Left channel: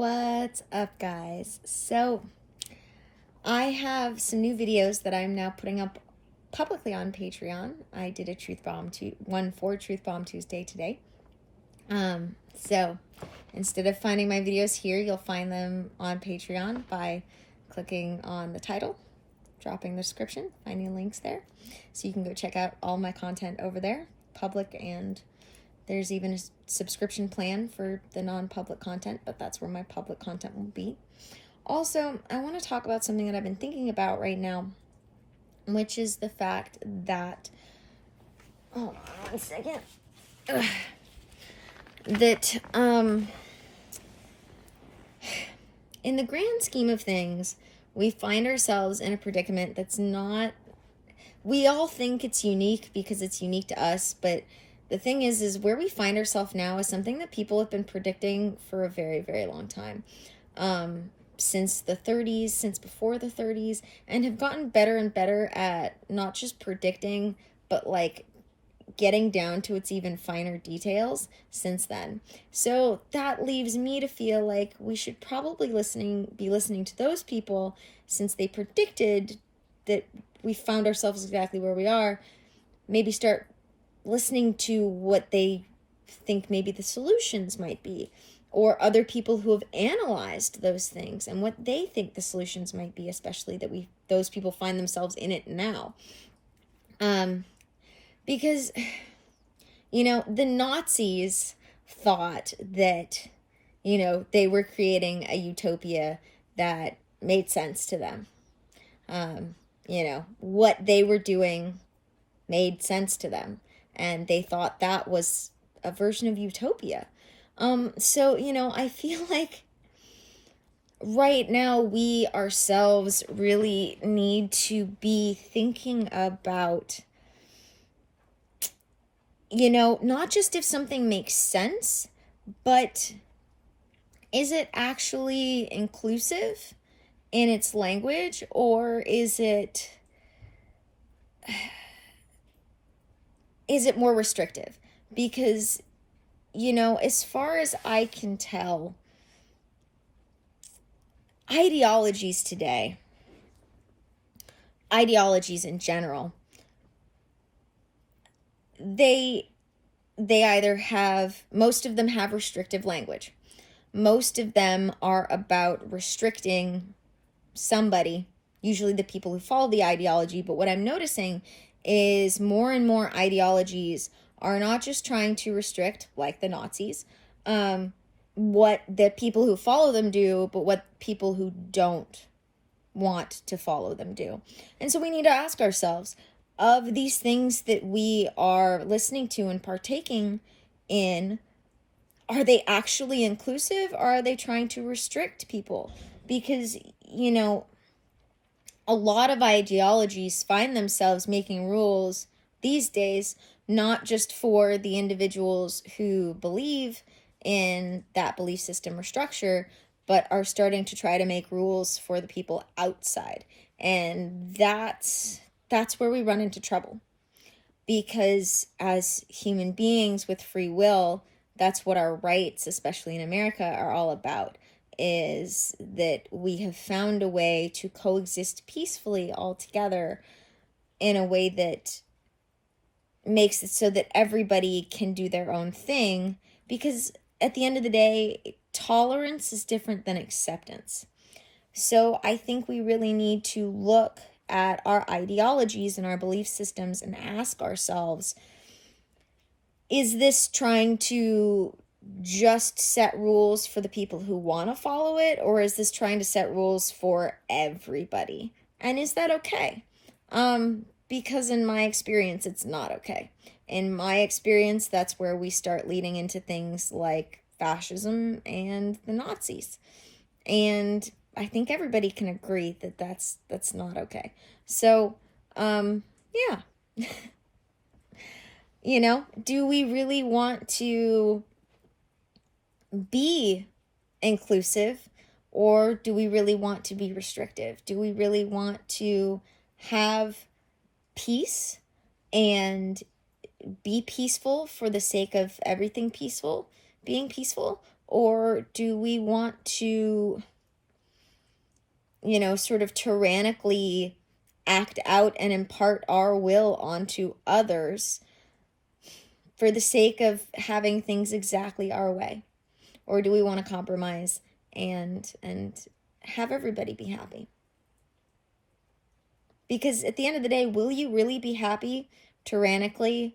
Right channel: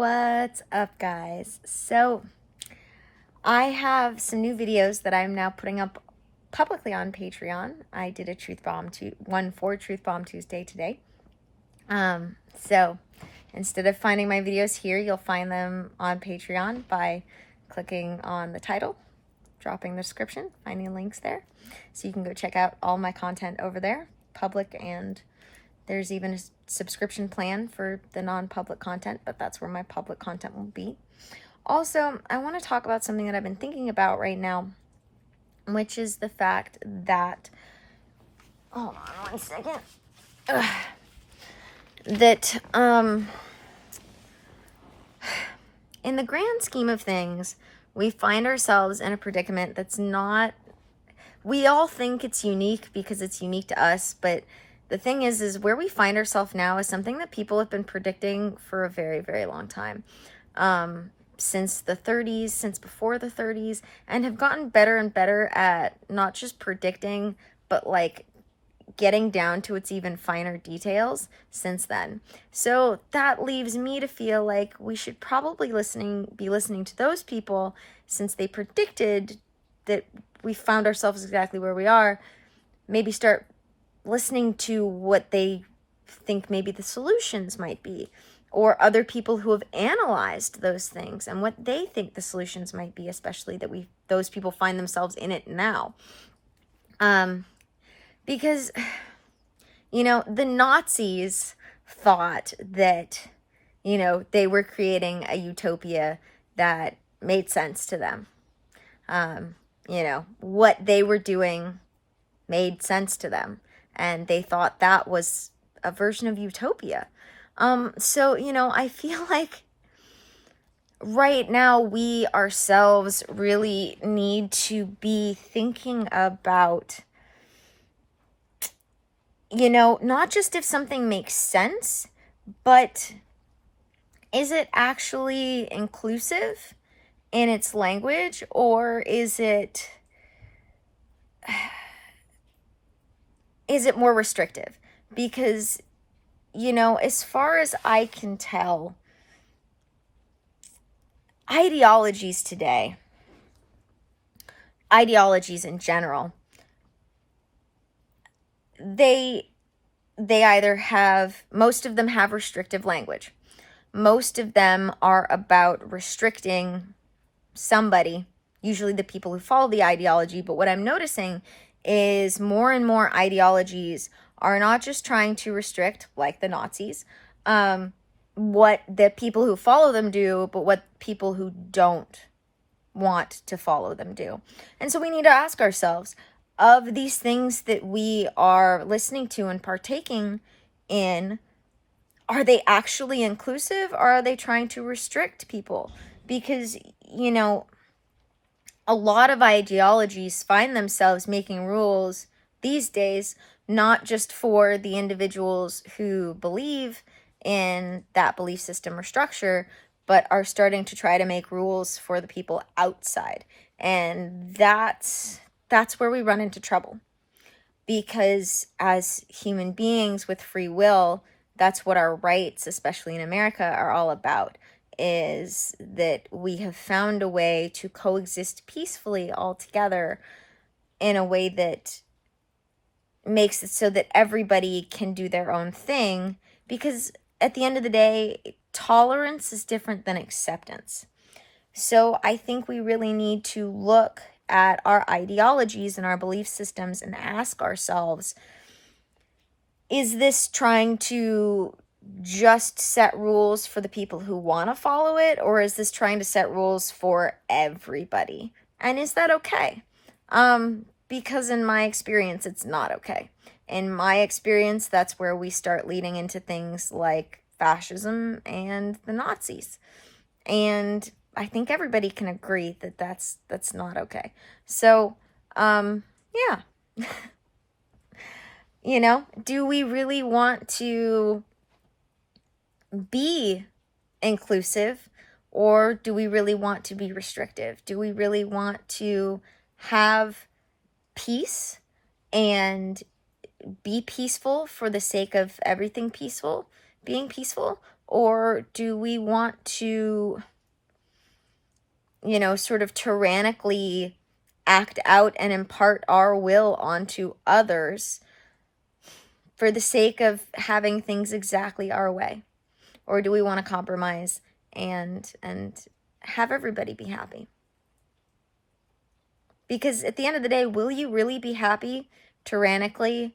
What's up, guys? So I have some new videos that I'm now putting up publicly on Patreon. I did a one for Truth Bomb Tuesday today. So instead of finding my videos here, you'll find them on Patreon by clicking on the title, dropping the description, finding links there. So you can go check out all my content over there, public, and there's even a subscription plan for the non-public content, but that's where my public content will be. Also, I want to talk about something that I've been thinking about right now, which is the fact that, hold on one second, that in the grand scheme of things, we find ourselves in a predicament that's not, we all think it's unique because it's unique to us, but the thing is where we find ourselves now is something that people have been predicting for a very, very long time. Since the 30s, since before the 30s, and have gotten better and better at not just predicting, but like getting down to its even finer details since then. So that leaves me to feel like we should probably be listening to those people, since they predicted that we found ourselves exactly where we are. Maybe start listening to what they think maybe the solutions might be, or other people who have analyzed those things and what they think the solutions might be, especially that those people find themselves in it now. Because, the Nazis thought that, they were creating a utopia that made sense to them. What they were doing made sense to them, and they thought that was a version of utopia. So, I feel like right now we ourselves really need to be thinking about, not just if something makes sense, but is it actually inclusive in its language, or is it more restrictive? Because, as far as I can tell, ideologies today, ideologies in general, they either have, most of them have restrictive language. Most of them are about restricting somebody, usually the people who follow the ideology. But what I'm noticing is more and more ideologies are not just trying to restrict, like the Nazis, what the people who follow them do, but what people who don't want to follow them do. And so we need to ask ourselves, of these things that we are listening to and partaking in, are they actually inclusive, or are they trying to restrict people? Because, a lot of ideologies find themselves making rules these days, not just for the individuals who believe in that belief system or structure, but are starting to try to make rules for the people outside. And that's where we run into trouble. Because as human beings with free will, that's what our rights, especially in America, are all about, is that we have found a way to coexist peacefully all together in a way that makes it so that everybody can do their own thing. Because at the end of the day, tolerance is different than acceptance. So I think we really need to look at our ideologies and our belief systems and ask ourselves, is this trying to just set rules for the people who want to follow it, or is this trying to set rules for everybody? And is that okay? Because in my experience, it's not okay. In my experience, that's where we start leading into things like fascism and the Nazis. And I think everybody can agree that that's not okay. So, yeah. Do we really want to be inclusive, or do we really want to be restrictive? Do we really want to have peace and be peaceful for the sake of everything being peaceful? Or do we want to, sort of tyrannically act out and impart our will onto others for the sake of having things exactly our way? Or do we want to compromise and have everybody be happy? Because at the end of the day, will you really be happy tyrannically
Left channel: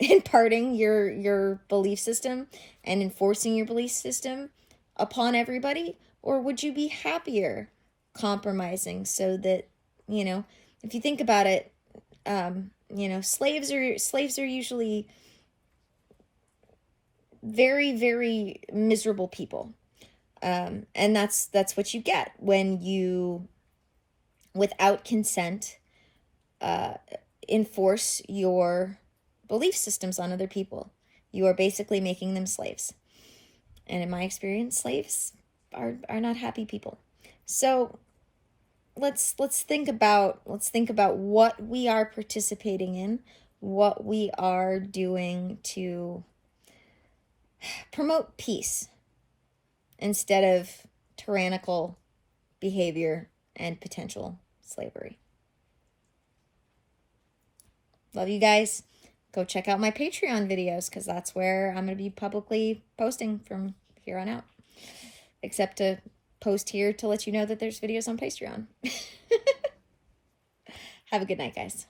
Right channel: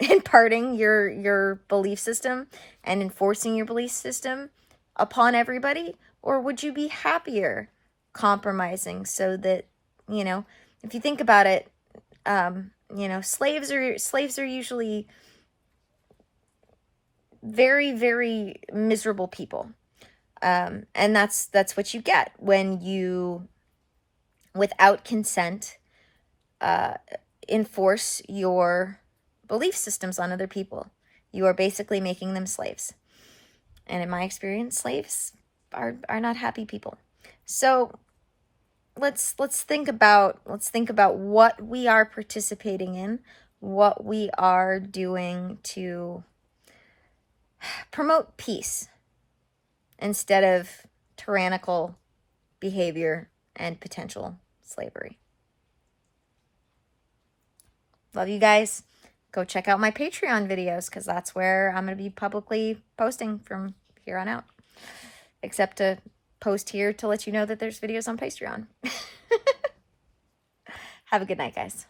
imparting your belief system and enforcing your belief system upon everybody? Or would you be happier compromising so that, if you think about it, slaves are usually very, very miserable people. And that's what you get when you, without consent, enforce your belief systems on other people. You are basically making them slaves. And in my experience, slaves are not happy people. So let's think about what we are participating in, what we are doing to promote peace instead of tyrannical behavior and potential slavery. Love you guys. Go check out my Patreon videos, because that's where I'm going to be publicly posting from here on out. Except to post here to let you know that there's videos on Patreon. Have a good night, guys.